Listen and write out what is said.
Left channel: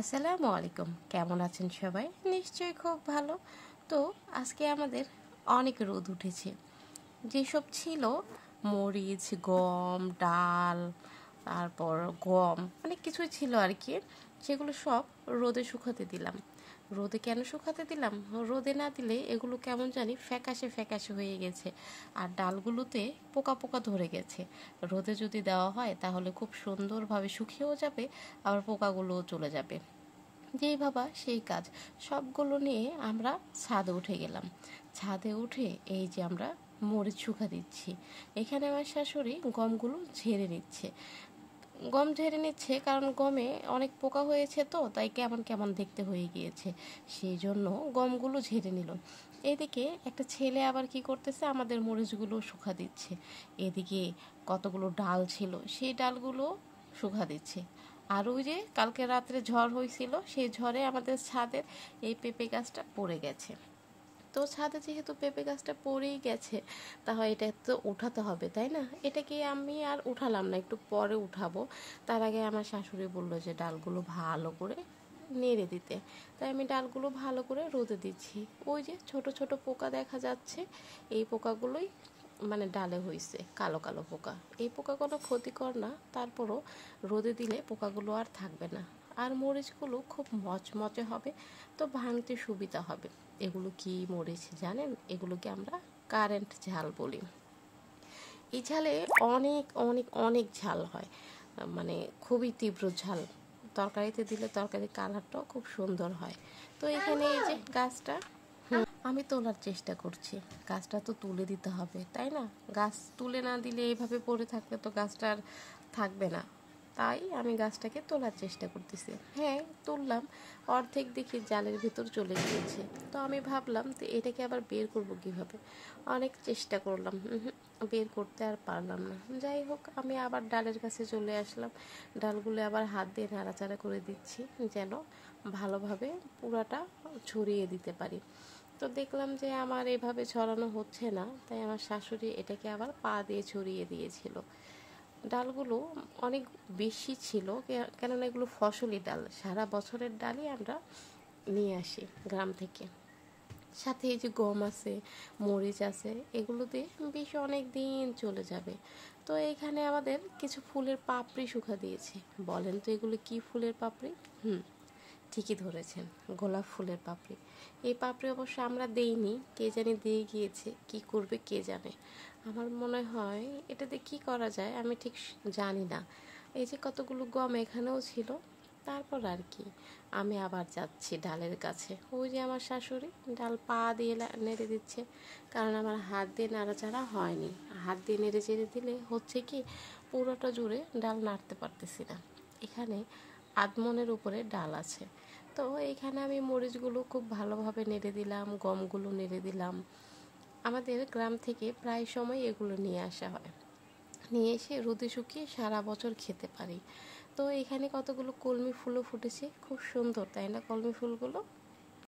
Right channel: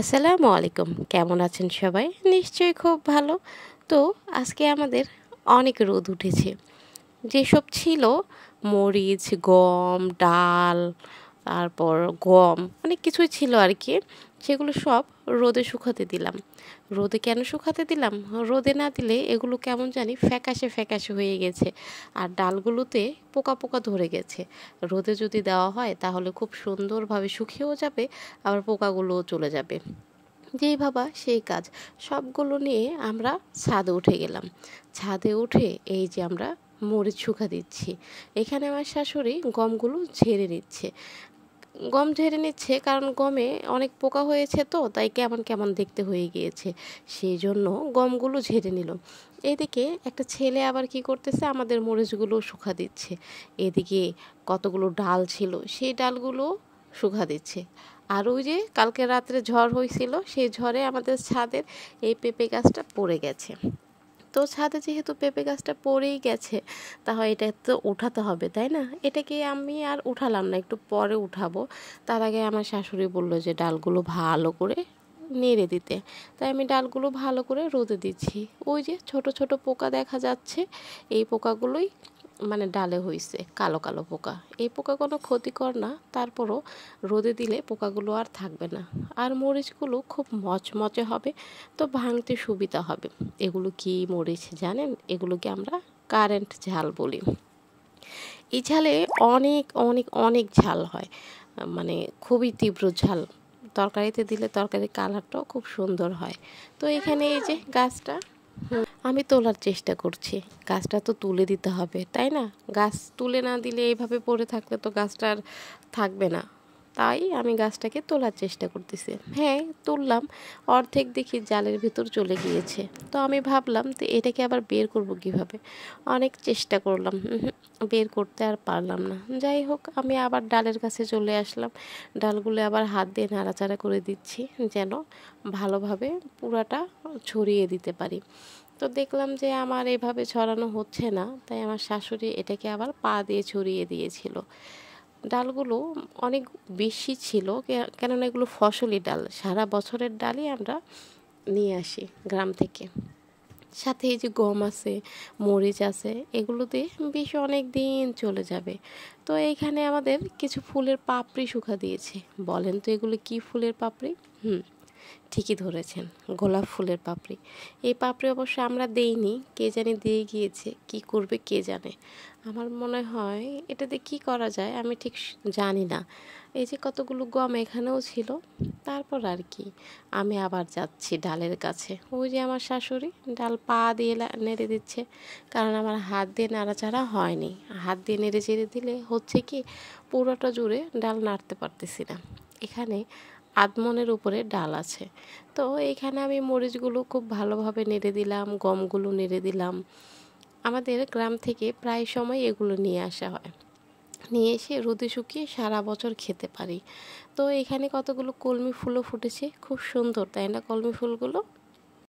আসসালামু আলাইকুম। কেমন আছেন সবাই? নিশ্চয়ই খুব ভালো। তো আজকে আমাদের অনেক রোদ উঠেছে। যেসব ছিল মরিচ, গম, ডাল, তারপর গম অনেক কিছুই ছিল আর কি। সেগুলো সব রোদে শুকাতে দিলাম। রোদে কেন শুকাতে দিলাম? রোদে না দিলে এগুলো কেমন জানি ফ্যাকাশে ফ্যাকাশে হয়ে গেছে। আর ডালগুলোতে পোকা পোকা ধরে গেছে। রোদে যদি দেওয়া হয় তাহলে খুব সুন্দরভাবে শুকিয়েও যাবে, আবার পোকাগুলোও চলে যাবে। যেই ভাবা সেই কাজ। সবগুলো নিয়ে আমরা ছাদে উঠে গেলাম। ছাদে উঠে এই যে আমরা মরিচ শুকা দিচ্ছি। এখানে আমার শাশুড়ি গমগুলো ঝেড়ে নিচ্ছে। গম ঝেড়ে নিচ্ছে কারণ গমে অনেক পোকা হয়েছে, তো তাই কেমন কেমন দেখতে হয়ে গিয়েছে। সেই জন্য গমগুলো ঝেড়ে নিল। এদিকে একটা ছেলে আবার কি করতেছে, আমাদের মরিচগুলো শুকা দিচ্ছে। এদিকে কতগুলো ডাল ছিল, সেই ডালগুলো শুকা দিচ্ছে। আর ওই যে কালকে রাত্রে ঝড় হয়েছিল, সেই ঝড়ে আমাদের ছাদের এই পেঁপে গাছটা পড়ে গেছে। তো ছাদে যেহেতু পেঁপে গাছটা পড়েই গেছে, তাহলে এটা তো উঠাতে হবে, তাই না? এটাকে আমি আর উঠালাম না, একটু পরে উঠাবো। তার আগে আমার শাশুড়ি বললো যে ডালগুলো ভালো করে নেড়ে দিতে। তাই আমি ডালগুলো ভালো করে রোদে দিচ্ছি। ওই যে ছোট ছোট পোকা দেখা যাচ্ছে, এই পোকাগুলোই মানে ডালে হয়েছে কালো কালো পোকা। এই পোকা কোনো ক্ষতিকর না, তারপরও রোদে দিলে পোকাগুলো আর থাকবে না। আর মরিচগুলো খুব মচমচে হবে, তো ভাঙতে সুবিধা হবে। এগুলো কি মরিচ জানেন? এগুলোকে আমরা কারেন্ট ঝাল বলি। এই ঝালে অনেক অনেক অনেক ঝাল হয়, মানে খুবই তীব্র ঝাল। তরকারিতে দিলে তরকারির কালারটাও খুব সুন্দর হয়। তো এখানে এই যে গাছটা আমি তোলার চেষ্টা করছি। গাছটা তো তুলে দিতে হবে, তাই না? গাছ তুলে না দিলে এইভাবে পড়ে থাকলে তো গাছটা আর থাকবে না। তাই আমি গাছটাকে তোলার চেষ্টা করতেছি। হ্যাঁ, তুললাম। অর্ধেক দেখি জালের ভিতর চলে গিয়েছে। তো আমি ভাবলাম তো এটাকে আবার বের করব কিভাবে। অনেক চেষ্টা করলাম, বের করতে আর পারলাম না। যাই হোক, আমি আবার ডালের কাছে চলে আসলাম। ডালগুলো আবার হাত দিয়ে নাড়াচাড়া করে দিচ্ছি, যেন ভালোভাবে পুরাটা ছড়িয়ে দিতে পারি। তো দেখলাম যে আমার এভাবে ছড়ানো হচ্ছে না, তাই আমার শাশুড়ি এটাকে আবার পা দিয়ে ছড়িয়ে দিয়েছিল। ডালগুলো অনেক বেশি ছিল, কেননা এগুলো ফসলি ডাল, সারা বছরের ডালই আমরা নিয়ে আসি গ্রাম থেকে। সাথে এই যে গম আছে, মরিচ আছে, এগুলোতে বেশ অনেক দিন চলে যাবে। তো এইখানে আমাদের কিছু ফুলের পাপড়ি শুকা দিয়েছে। বলেন তো এগুলো কি ফুলের পাপড়ি? হুম, ঠিকই ধরেছেন, গোলাপ ফুলের পাপড়ি। এই পাপড়ি অবশ্য আমরা দেইনি, কে জানি দিয়ে গিয়েছে, কি করবে কে জানে। আমার মনে হয় এটাতে কি করা যায় আমি ঠিক জানি না। এই যে কতগুলো গম এখানেও ছিল। তারপর আর কি, আমি আবার যাচ্ছি ডালের কাছে। ওই যে আমার শাশুড়ি ডাল পা দিয়ে নেড়ে দিচ্ছে, কারণ আমার হাত দিয়ে নাড়াচাড়া হয়নি। হাত দিয়ে নেড়ে চেড়ে দিলে হচ্ছে কি, পুরোটা জুড়ে ডাল নাড়তে পারতেছি না। এখানে আধমনের উপরে ডাল আছে। তো এইখানে আমি মরিচগুলো খুব ভালোভাবে নেড়ে দিলাম, গমগুলো নেড়ে দিলাম। আমাদের গ্রাম থেকে প্রায় সময় এগুলো নিয়ে আসা হয়, নিয়ে এসে রোদে শুকিয়ে সারা বছর খেতে পারি। তো এখানে কতগুলো কলমি ফুলও ফুটেছে, খুব সুন্দর, তাই না কলমি ফুলগুলো?